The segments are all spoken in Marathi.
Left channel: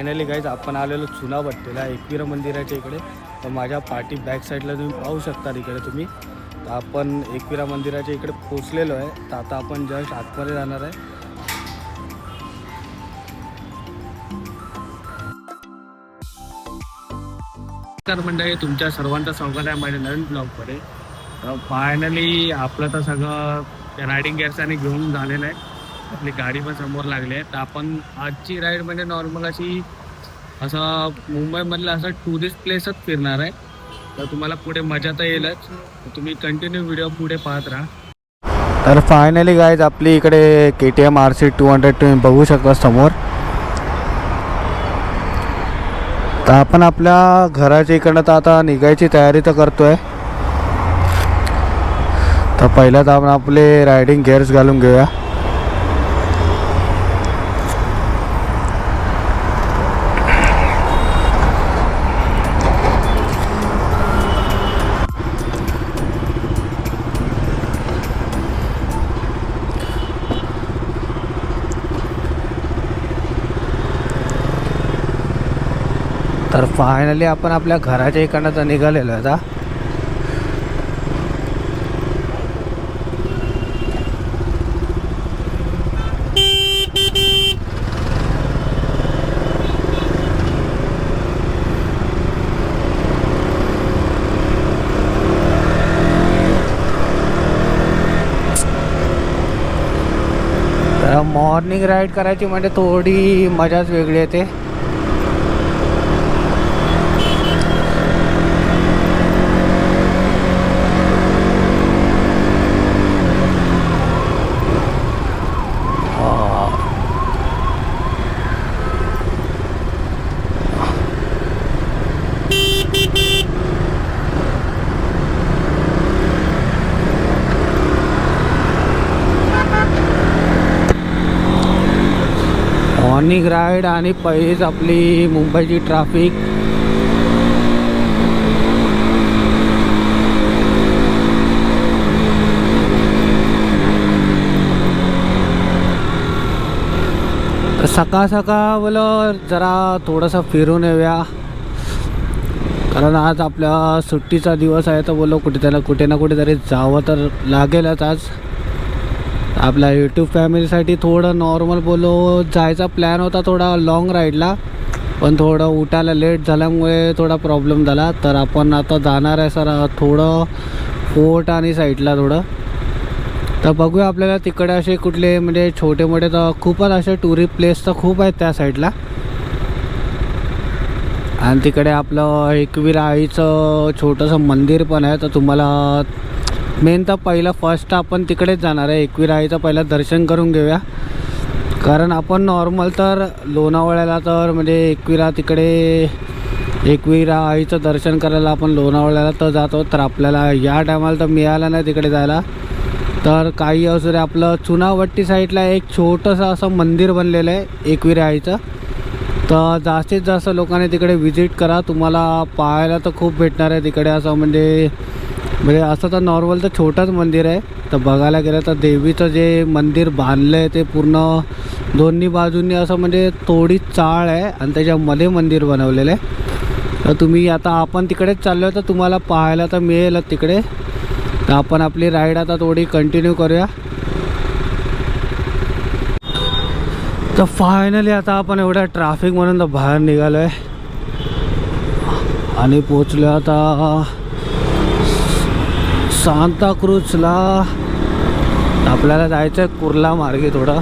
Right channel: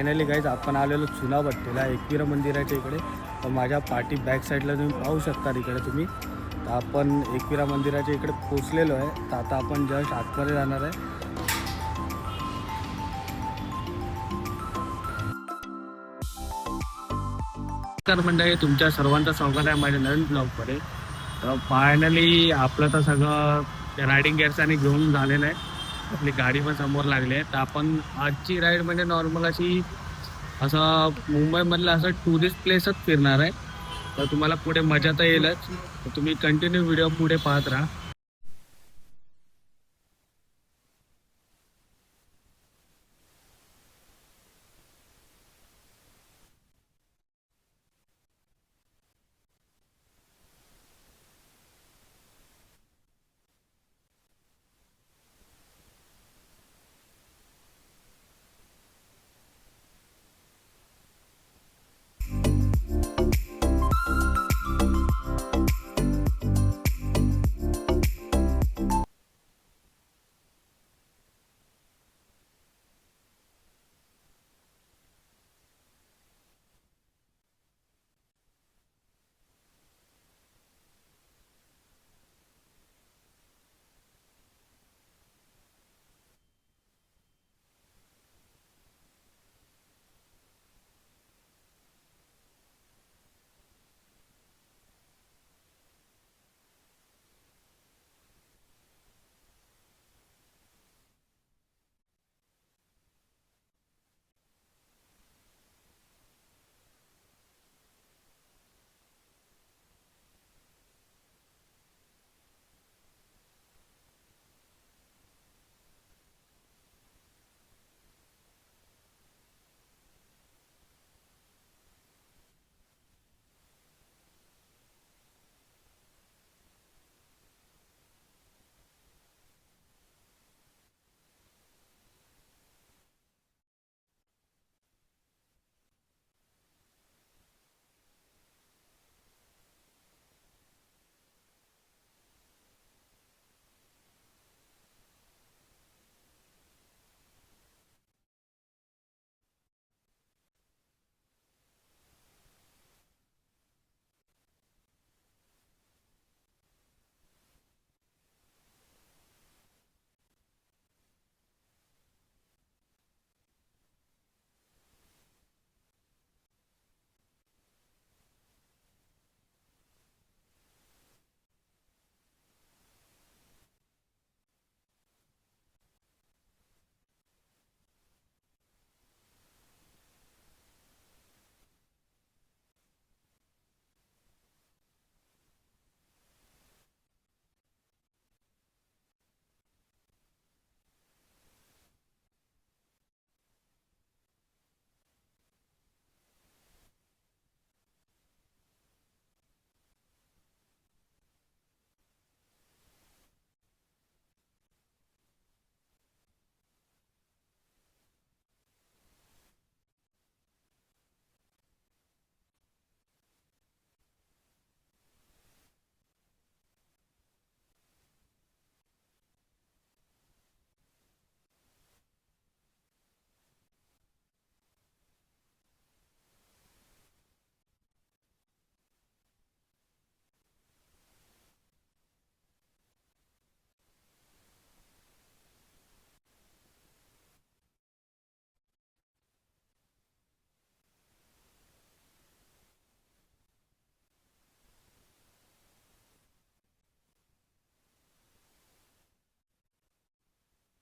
फायनली गाईज आपण आलेलो चुनाभट्टीला एकविरा मंदिराच्या इकडे. तर माझ्या पाठी बॅक साईडला तुम्ही पाहू शकता इकडे तुम्ही. तर आपण एकविरा मंदिराच्या इकडे पोचलेलो आहे. तर आता आपण जस्ट आतमध्ये जाणार आहे. नमस्कार मंडळी, तुमच्या सर्वांचं स्वागत आहे माझ्या नवीन ब्लॉगमध्ये. तर फायनली आपलं तर सगळं रायडिंग गेअर्स आणि घेऊन झालेलं आहे. आपली गाडी पण समोर लागली आहे. तर आपण आजची राईड म्हणजे नॉर्मल अशी असं मुंबईमधलं असं टुरिस्ट प्लेसच फिरणार आहे. तर तुम्हाला पुढे मजा तर येईलच. तर तुम्ही कंटिन्यू व्हिडिओ पुढे पाहत राहा. तर फायनली गाईज आपली इकडे KTM RC 200 तुम्ही बघू शकता समोर. तर आपण आपल्या घराच्या इकडनं तर आता निघायची तयारी तर करतोय. तर पहिल्याच आपण आपले रायडिंग गेअर्स घालून घेऊया. तर फायनली आपण आपल्या घराच्या इकडनं तर निघालेलो आहे आता. तर मॉर्निंग राईड करायची म्हणजे थोडी मजाच वेगळी येते. मॉर्निंग राईड आणि पहिलीच आपली मुंबईची ट्रॅफिक. तर सकाळ सकाळ बोलं जरा थोडंसं फिरून येऊया, कारण आज आपल्या सुट्टीचा दिवस आहे. तर बोलो कुठे ना कुठेतरी जावं तर लागेलच आज. आपल्या यूट्यूब फॅमिलीसाठी थोडं नॉर्मल बोलो जायचा प्लॅन होता थोडा लॉंग राईडला, पण थोडं उठायला लेट झाल्यामुळे थोडा प्रॉब्लेम झाला. तर आपण आता जाणार आहे सर थोडं फोर्ट आणि साईडला थोडं. तर बघूया आपल्याला तिकडे असे कुठले म्हणजे छोटे मोठे तर खूपच असे टुरिस्ट प्लेस तर खूप आहेत त्या साईडला. आणि तिकडे आपलं एकविरा आईचं छोटंसं मंदिर पण आहे. तर तुम्हाला मेन तर पहिलं फर्स्ट आपण तिकडेच जाणार आहे. एकविरा आईचं पहिलं दर्शन करून घेऊया, कारण आपण नॉर्मल तर लोणावळ्याला तर म्हणजे एकविरा आईचं दर्शन करायला आपण लोणावळ्याला तर जातो. तर आपल्याला या टायमाला तर मिळालं नाही तिकडे जायला. तर काही असू दे, आपलं चुनाभट्टी साईडला एक छोटंसं असं मंदिर बनलेलं आहे एकविरा आईचं. तर जास्तीत जास्त लोकांनी तिकडे व्हिजिट करा. तुम्हाला पाहायला तर खूप भेटणार आहे तिकडे. असं म्हणजे असं तर नॉर्मल तर छोटंच मंदिर आहे. तर बघायला गेलं तर देवीचं जे मंदिर बांधलं आहे ते पूर्ण दोन्ही बाजूंनी असं म्हणजे थोडी चाळ आहे आणि त्याच्यामध्ये मंदिर बनवलेलं आहे. तर तुम्ही आता आपण तिकडेच चाललो आहे तर तुम्हाला पाहायला तर मिळेलच तिकडे. तर आपण आपली राईड आता थोडी कंटिन्यू करूया. तर फायनली आता आपण एवढ्या ट्रॅफिकमधून तर बाहेर निघालो आहे आणि पोचलो आता सांताक्रूजला. आपल्याला जायचं आहे कुर्ला मार्गे थोडं.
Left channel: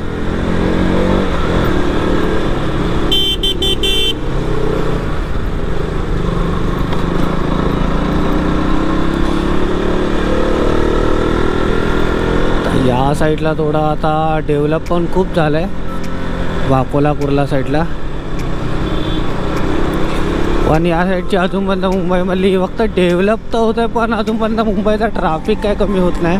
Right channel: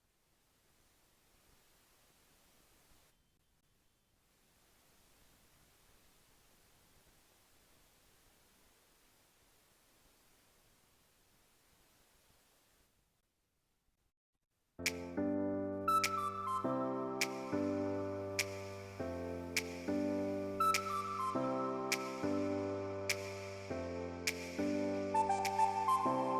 या साईडला थोडं आता डेव्हलप पण खूप झालं आहे वाकोला कुर्ला साईडला. पण या साईडची अजूनपर्यंत मुंबईमधली फक्त डेव्हलप तर होत आहे, पण अजूनपर्यंत मुंबईचा ट्रॅफिक काय कमी होत नाही.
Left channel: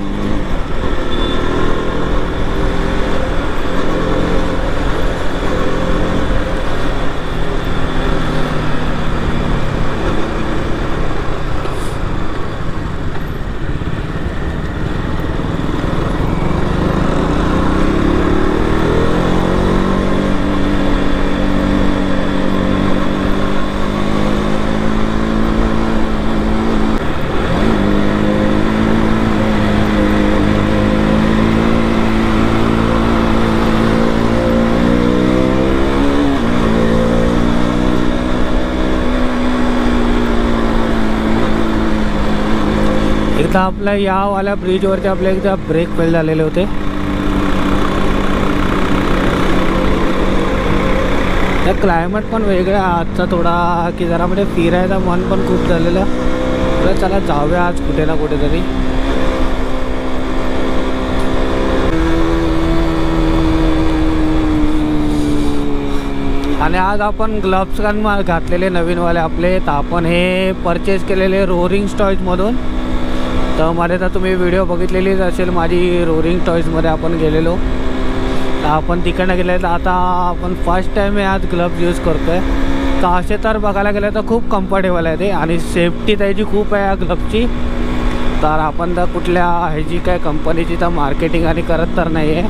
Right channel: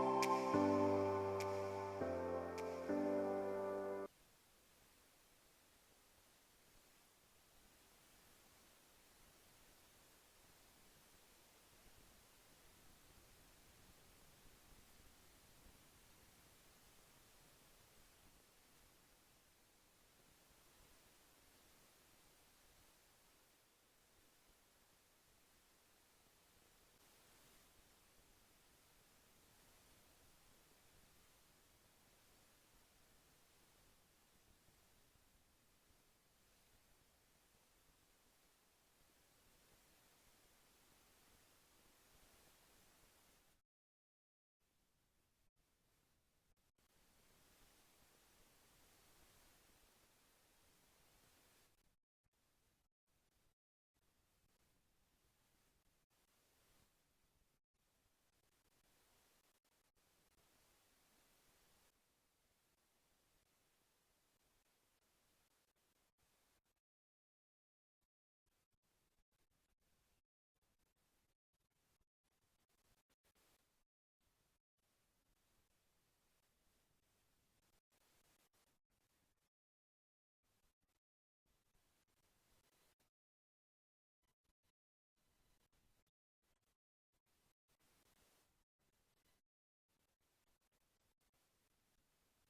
एकदा आपल्या यावाल्या ब्रिजवरती आपले एकदा ब्रेक फेल झालेले होते. त्या क्लायमेट पण वेगळा आजचा थोडा, की जरा म्हणजे फिरायचं मन पण खूप झालेलं. तर चला जाऊया आज कुठे ना कुठेतरी. आणि आज आपण ग्लव्स घातलेले नवीनवाले आपले, तर आपण हे परचेस केलेले रोरिंग टॉईजमधून. तर मध्ये तर तुम्ही व्हिडिओ बघितलेलीच असेल माझी, रोरिंग टॉईजमध्ये आपण गेलेलो. तर आपण तिकडनं गेले, तर आता आपण फर्स्ट टाईम हे आज ग्लव्स यूज करतो आहे. तर असे तर बघायला गेलं तर खूप कम्फर्टेबल आहे ते, आणि सेफ्टी त्याची खूप आहे या ग्लव्सची. तर आपण तर कुठल्या ह्याची काय कंपनीची तर मार्केटिंग आणि करत तर नाही आहे.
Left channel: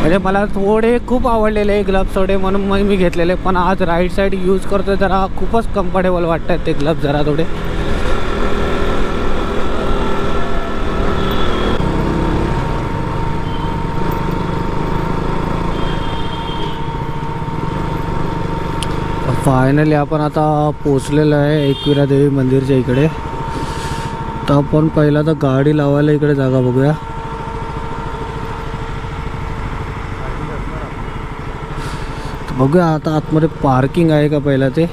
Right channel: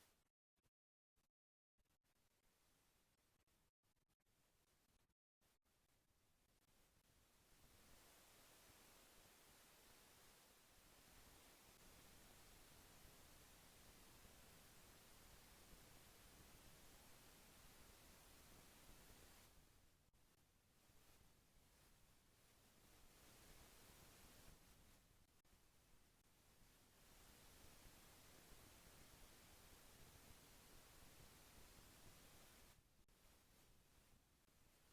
म्हणजे मला थोडे खूप आवडलेले ग्लव्स थोडे, म्हणून मग मी घेतलेले. पण आज राईट साईड यूज करतो जरा खूपच कम्फर्टेबल वाटत आहेत ते ग्लव्स जरा थोडे. फायनली आपण आता पोचलेलो आहे एकविरा देवी मंदिरच्या इकडे. तर आपण पहिला तर गाडी लावायला इकडे जागा बघूया. बघूया आता आतमध्ये पार्किंग आहे का पहिला ते.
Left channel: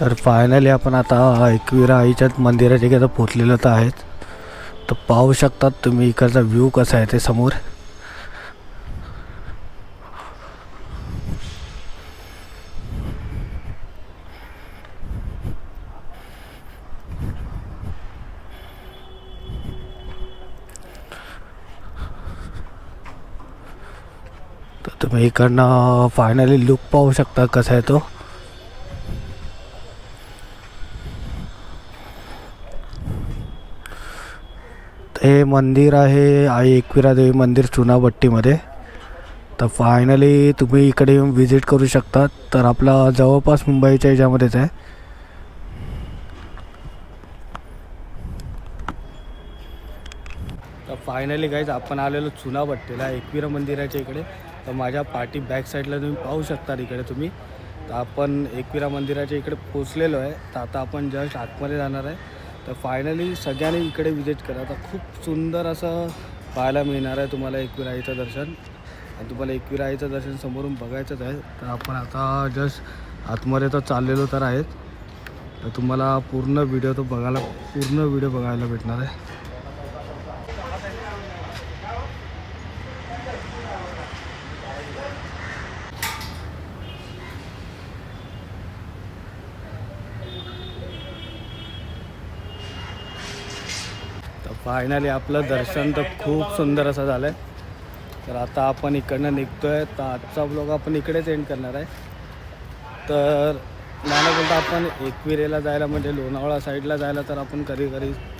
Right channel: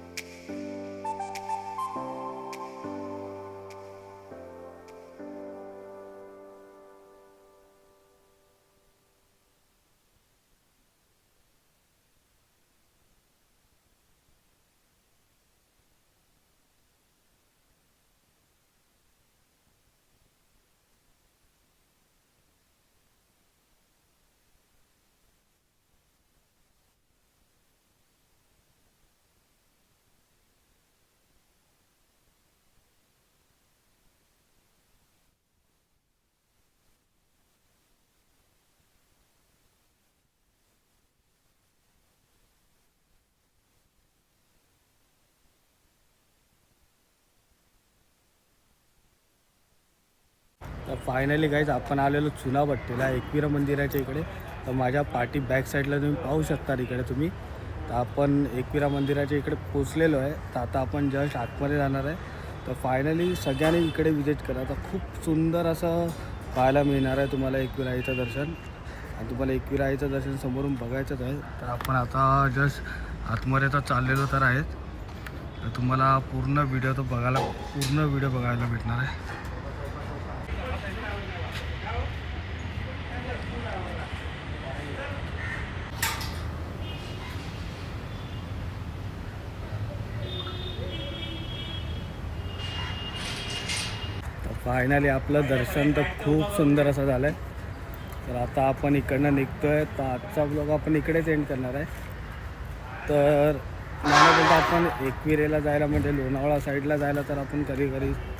तर फायनली आपण आता एकविरा आईच्याच मंदिराच्या इकडे पोचलेलो तर आहेत. तर पाहू शकतात तुम्ही इकडचा व्ह्यू कसा आहे ते समोर. तर तुम्ही इकडनं फायनली लुक पाहू शकता कसा आहे तो. हे मंदिर आहे आई एकविरा देवी मंदिर चुनाभट्टीमध्ये. तर फायनली तुम्ही इकडे येऊन विजिट करू शकता. तर आपला जवळपास मुंबईच्या ह्याच्यामध्येच आहे. तर फायनली गाईज आपण आलेलो चुनाभट्टीला एकविरा मंदिराच्या इकडे. तर माझ्या पाठी बॅक साईडला तुम्ही पाहू शकता इकडे तुम्ही. तर आपण एकविरा मंदिराच्या इकडे पोचलेलो आहे. तर आता आपण जस्ट आतमध्ये जाणार आहे. तर फायनली सगळ्यांनी इकडे विजिट करा. तर खूप सुंदर असं पाहायला मिळणार आहे तुम्हाला एकविरा आईचं दर्शन. आणि तुम्हाला एकविरा आईचं दर्शन समोरून बघायचंच आहे. तर आपण आता जस्ट आतमध्ये तर चाललेलो तर आहेत. तर तुम्हाला पूर्ण व्हिडिओ बघायला भेटणार आहे. तर फायनली आपलं दर्शन तर खूप सुंदर असं झालं आहे. तर आता आपण इकडनं निघतो आहे. तर आजचा ब्लॉग आपण इकडेच एंड करणार आहे. तर मला बोलता आपण एकविरेला जायला म्हणजे लोणावळा साईडला जायला तर आपण कधी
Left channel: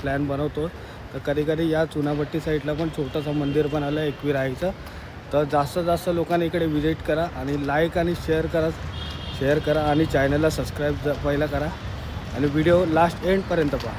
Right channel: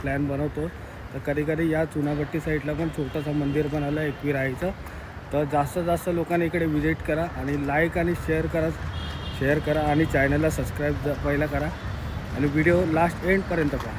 प्लॅन बनवतो. तर कधी या चुनाभट्टी साईडला पण छोटंसं मंदिर बनवलं आहे एकविरा आईचं. तर जास्त लोकांनी इकडे विजिट करा आणि लाईक आणि शेअर करा आणि चॅनलला सबस्क्राईब पहिला करा आणि व्हिडिओ लास्ट एंडपर्यंत पहा.